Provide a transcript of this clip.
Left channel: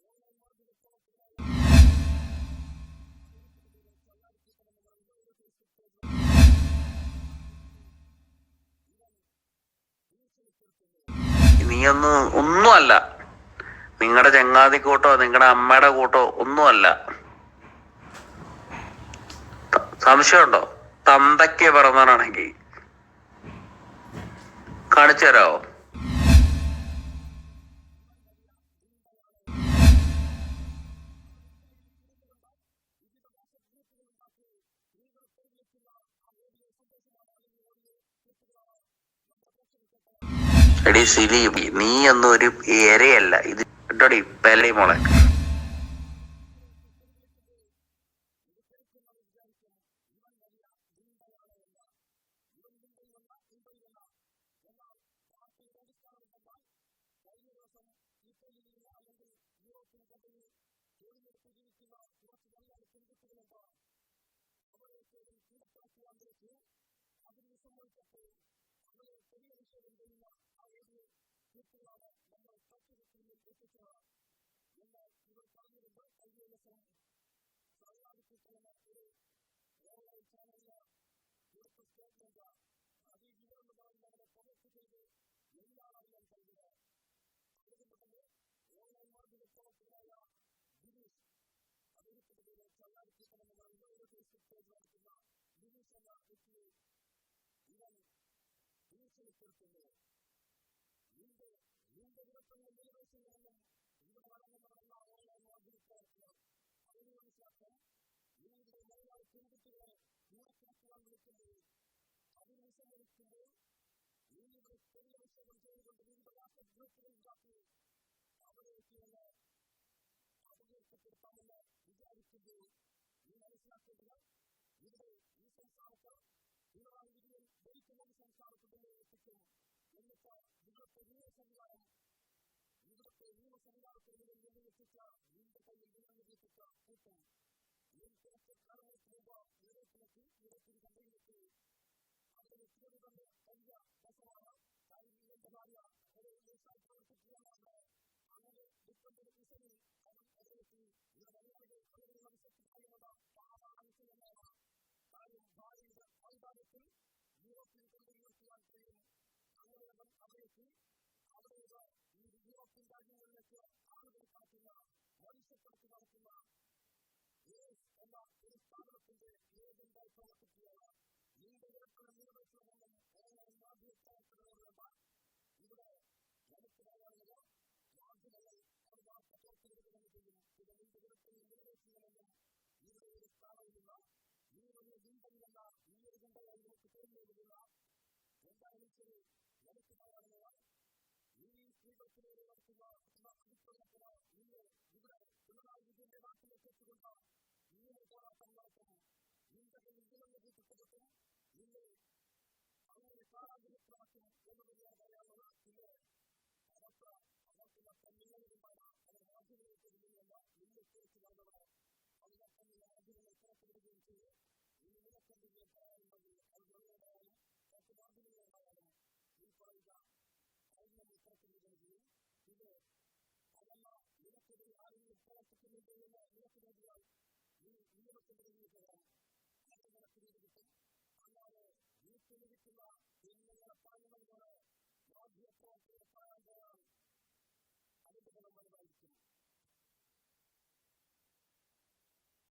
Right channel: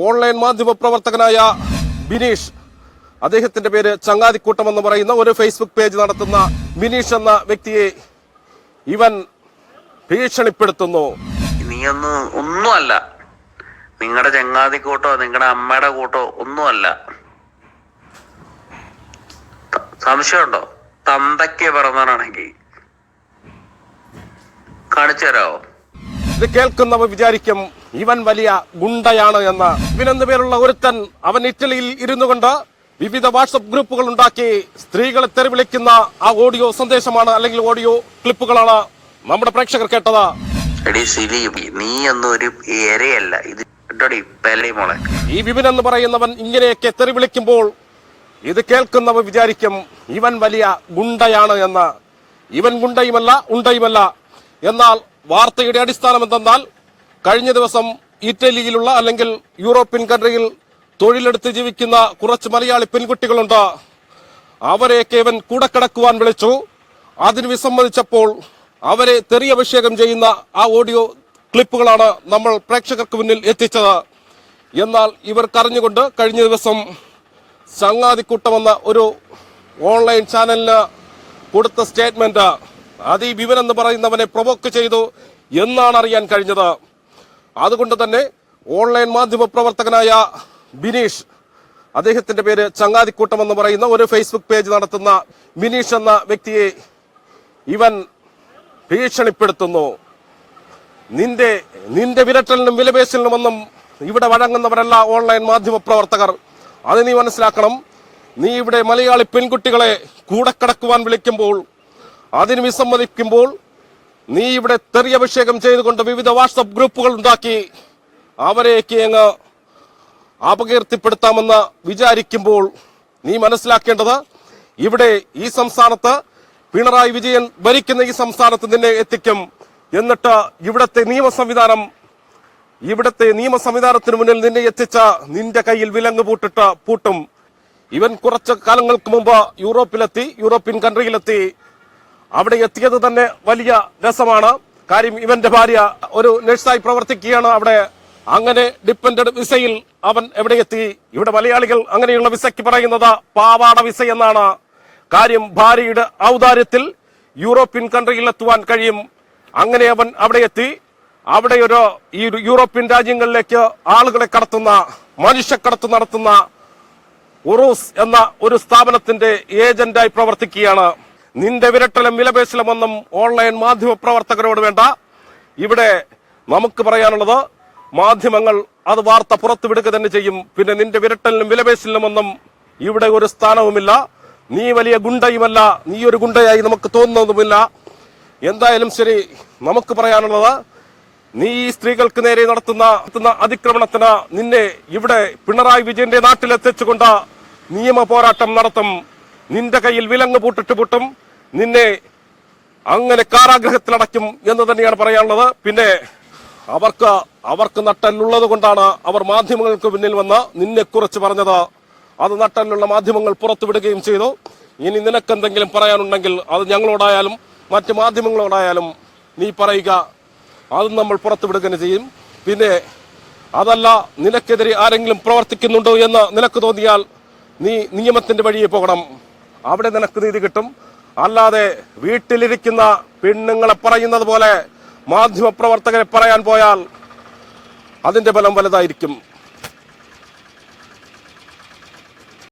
Online മാധ്യമ പ്രവർത്തകനായ ബിനീഷ്. അദ്ദേഹത്തിന്റെ പേര് ചങ്ങാതിക്കൂട്ടം എന്ന് പറയുന്ന ഒരു ഫേസ്ബുക്ക് പേജ് നടത്തുന്ന ബിനീഷ് എന്ന വ്യക്തിയെ ഇവൻ ഭീഷണിപ്പെടുത്തുന്നു. നീയൊന്നും ഒന്നുമല്ല. നിങ്ങളുടെ ചങ്ങാതി കൂട്ടോ നിങ്ങളുടെ അമ്മയുടെ കൂട്ടോ ഒന്നുമല്ല. സംശയമുണ്ടോ? തന്തയ്ക്ക് പിറന്നവനാണെങ്കിൽ കാണിച്ചു തരാവോ ഇത് കേൾക്കുന്നവർ വിചാരിക്കും ഇവൻ വലിയ ഗുണ്ടയാണ് എന്ന്. ഇവനെന്ന് പേരുള്ള ഒരുത്തൻ അവൻ ഇറ്റലിയിൽ ഇരുന്നു കൊണ്ട് വിവിധ വാട്സപ്പ് ഗ്രൂപ്പുകൾ ഉണ്ടാക്കി സ്ത്രീകളെ തെറിവിളിക്കുന്ന ആ ഓഡിയോ സന്ദേശമാണ് അല്ലെങ്കിൽ ഓഡിയോ ക്ലിപ്പുകളാണ് നമ്മുടെ പ്രേക്ഷകർ കേട്ടത്. എടി സിലി നീ ഒന്നും ഒരു ഇരയല്ല ഇത് മോളെ. ഈ വിപിൻ എന്ന് പറയുന്നവൻ ഇങ്ങനെയൊക്കെ തെറിവിളിക്കുമ്പോൾ ഇത് കേൾക്കുന്നവർ വിചാരിക്കും ഇവൻ വലിയ ഗുണ്ടയാണ് എന്ന്. ഇവൻ ഗുണ്ടയുമല്ല ഉണ്ടയുമല്ല. എന്നാൽ വാർത്തയുടെ അടിസ്ഥാനം എന്തെന്നാൽ കഴിഞ്ഞ ദിവസം ഇറ്റലിയിലുള്ള അല്ലെങ്കിൽ യൂറോപ്യൻ കൺട്രിയിൽ തൊഴിലെടുത്ത് ജീവിക്കുന്ന കുറച്ച് മലയാളി പെൺകുട്ടികളുണ്ട്. അവരെയൊക്കെ ഇവൻ കൂടെ കിടക്കുവാൻ വിളിച്ചു. അതിന് വിസമ്മതിച്ചപ്പോൾ അവരെ തെറിയഭിഷേകം ചെയ്യുന്ന ആ ഓഡിയോ ക്ലിപ്പുകളാണ് നമ്മൾ പ്രേക്ഷകർക്ക് മുന്നിൽ എത്തിച്ചത്. എന്നാൽ ഇവർ ഇവർക്കറിഞ്ഞുകൊണ്ട് കഴിഞ്ഞ ദിവസം ചങ്ങാതിക്കൂട്ടം എന്ന ഒരു ഓൺലൈൻ ചാനലിന് കൊടുത്ത സ്റ്റേറ്റ്മെന്റ് ഈ വിവൻ എന്ന് പറയുന്നവനെ പ്രൊവോക്ക് ചെയ്തു എന്നാണ് അറിയാൻ കഴിഞ്ഞത്. അതുകൊണ്ട് തന്നെ ഓൺലൈൻ മാധ്യമ പ്രവർത്തകനായ ബിനീഷ് അദ്ദേഹത്തിന്റെ പേര് ചങ്ങാതിക്കൂട്ടം എന്ന് പറയുന്ന ഒരു ഫേസ്ബുക്ക് പേജ് നടത്തുന്ന ബിനീഷ് എന്ന വ്യക്തിയെ ഇവൻ ഭീഷണിപ്പെടുത്തുന്നു. നിന്റെ നിന്റെ വിരട്ടലിനും വിലപേശലിനുമൊന്നും ഇവിടെ വഴങ്ങുന്നവരല്ല ഓൺലൈൻ മാധ്യമ പ്രവർത്തകർ. അത് നീ മനസ്സിലാക്കണം. നീ ഇവിടെ മലയാളി പെൺകുട്ടികളെ കൂടെ കിടക്കുവാൻ വിളിക്കുമ്പോൾ അതിന് വിസമ്മതിക്കുമ്പോൾ നീ ഇവിടെ തെറി അഭിഷേകം ചെയ്തുകൊണ്ട് വിവിധ വാട്സപ്പ് ഗ്രൂപ്പുകൾ ഉണ്ടാക്കി അവരെയൊക്കെ അങ്ങ് അപകീർത്തിപ്പെടുത്താമെന്ന് വിചാരിക്കുമ്പോൾ നീ മനസ്സിലാക്കേണ്ടത് ഇവിടെ ഈ സംസ്ഥാനത്ത് പിണറായി വിജയൻ ഭരിക്കുന്ന ഈ സംസ്ഥാനത്ത് നിന്നെ എത്തിക്കും. എന്നിട്ട് ഇവിടത്തെ നിയമ സംവിധാനം ഇവിടത്തെ നിയമ സംവിധാനത്തിന് മുന്നിൽ നിന്നെ എത്തിച്ച നിന്റെ കയ്യിൽ വിലങ്ങ് പൂട്ടിട്ട് പൂട്ടും. ഇവൻ കുറച്ച് കാലങ്ങൾക്ക് മുമ്പ് യൂറോപ്പിലെത്തി യൂറോപ്യൻ കൺട്രിയിലെത്തി. അവിടെ എത്തിയത് തന്നെ വലിയ രസമാണ്. കാര്യം ഇവന്റെ ഭാര്യ ഒരു നഴ്സായി പ്രവർത്തിക്കുകയാണ്. അവിടെ അങ്ങനെ ഡിപ്പെൻഡഡ് വിസയിൽ അവൻ എവിടെ എത്തി? ഇവിടെ മലയാളികൾ അങ്ങനെയുള്ള വിസയ്ക്ക് പറയുന്നത് പാവാട വിസ എന്നാണ്. കാര്യം ഭാര്യയുടെ ഔദാര്യത്തിൽ യൂറോപ്യൻ കൺട്രിയിൽ എത്തുവാൻ കഴിയും. അങ്ങനെ അവൻ അവിടെ എത്തി. അവിടെ ഒരു ഈ യൂറോപ്യൻ രാജ്യങ്ങളിലേക്ക് ആളുകളെ കടത്തുന്ന മനുഷ്യക്കടത്ത് നടത്തുന്ന ഉറൂസ് എന്ന ഒരു സ്ഥാപനത്തിന്റെ ഏജന്റായി പ്രവർത്തിക്കുകയാണ്. നിന്റെ വിരട്ടലും വിലപേശലുമൊന്നും ഓൺലൈൻ മാധ്യമ പ്രവർത്തകരോട് വേണ്ട. ഇവിടെ നമുക്ക് പറയാനുള്ളത് മാധ്യമങ്ങൾ അത് വാർത്ത പുറത്തുവിടുക തന്നെ ചെയ്യും. പിന്നെ നിന്റെ വിരട്ടലിനും വിലപേശലിനുമൊന്നും ഇവിടെ ഒരു സ്ഥാനവുമില്ല. നീ വലിയ ഗുണ്ടയുമല്ല. നീ ഒരു ഗുണ്ടയായി നമുക്ക് തോന്നുന്നതുമില്ല. എന്തായാലും ശരി നമുക്ക് പറയാനുള്ളത് നീ ഈ സ്ത്രീകൾക്ക് നേരെ നടത്തുന്ന നടത്തുന്ന അതിക്രമണത്തിന് നിന്നെ ഇവിടെ പിണറായി വിജയന്റെ നാട്ടിലെത്തിച്ചുകൊണ്ട് നിയമ പോരാട്ടം നടത്തും. നിന്റെ കയ്യിൽ വിലങ്ങ് പൂട്ടിട്ട് പൂട്ടും. നിന്നെ അങ്ങനെ കാരാഗ്രഹത്തിലടയ്ക്കും എന്ന് തന്നെയാണ് പറയാനുള്ളത്. പിന്നെ അവർക്ക് അവർക്ക് നട്ടല്ലുള്ളത് കൊണ്ടാണ് അവർ മാധ്യമങ്ങൾക്ക് മുന്നിൽ വന്ന് നിന്നെക്കുറിച്ച് പറഞ്ഞത്. അത് നട്ടലുള്ള മാധ്യമങ്ങൾ പുറത്തുവിടുകയും ചെയ്തു. ഇനി നിനക്കെന്തെങ്കിലും പറയാനുണ്ടെങ്കിൽ അത് ഞങ്ങളോടായാലും മറ്റ് മാധ്യമങ്ങളോടായാലും നീ പറയുക. അതും നമ്മൾ പുറത്തുവിടുകയും ചെയ്യും. പിന്നെ അതല്ല നിനക്കെതിരെ ആരെങ്കിലും പ്രവർത്തിക്കുന്നുണ്ടോ എന്ന് നിനക്ക് തോന്നിയാൽ നീ നിയമത്തിന്റെ വഴിയെ പോകണം. അവിടെ നിനക്ക് നീതി കിട്ടും. അല്ലാതെ വീട്ടിലിരിക്കുന്ന പെണ്ണുങ്ങളെ പറയുന്നത് പോലെ മാധ്യമപ്രവർത്തകരെ പറയാൻ പോയാൽ അതിന്റെ ഫലം വലുതായിരിക്കും.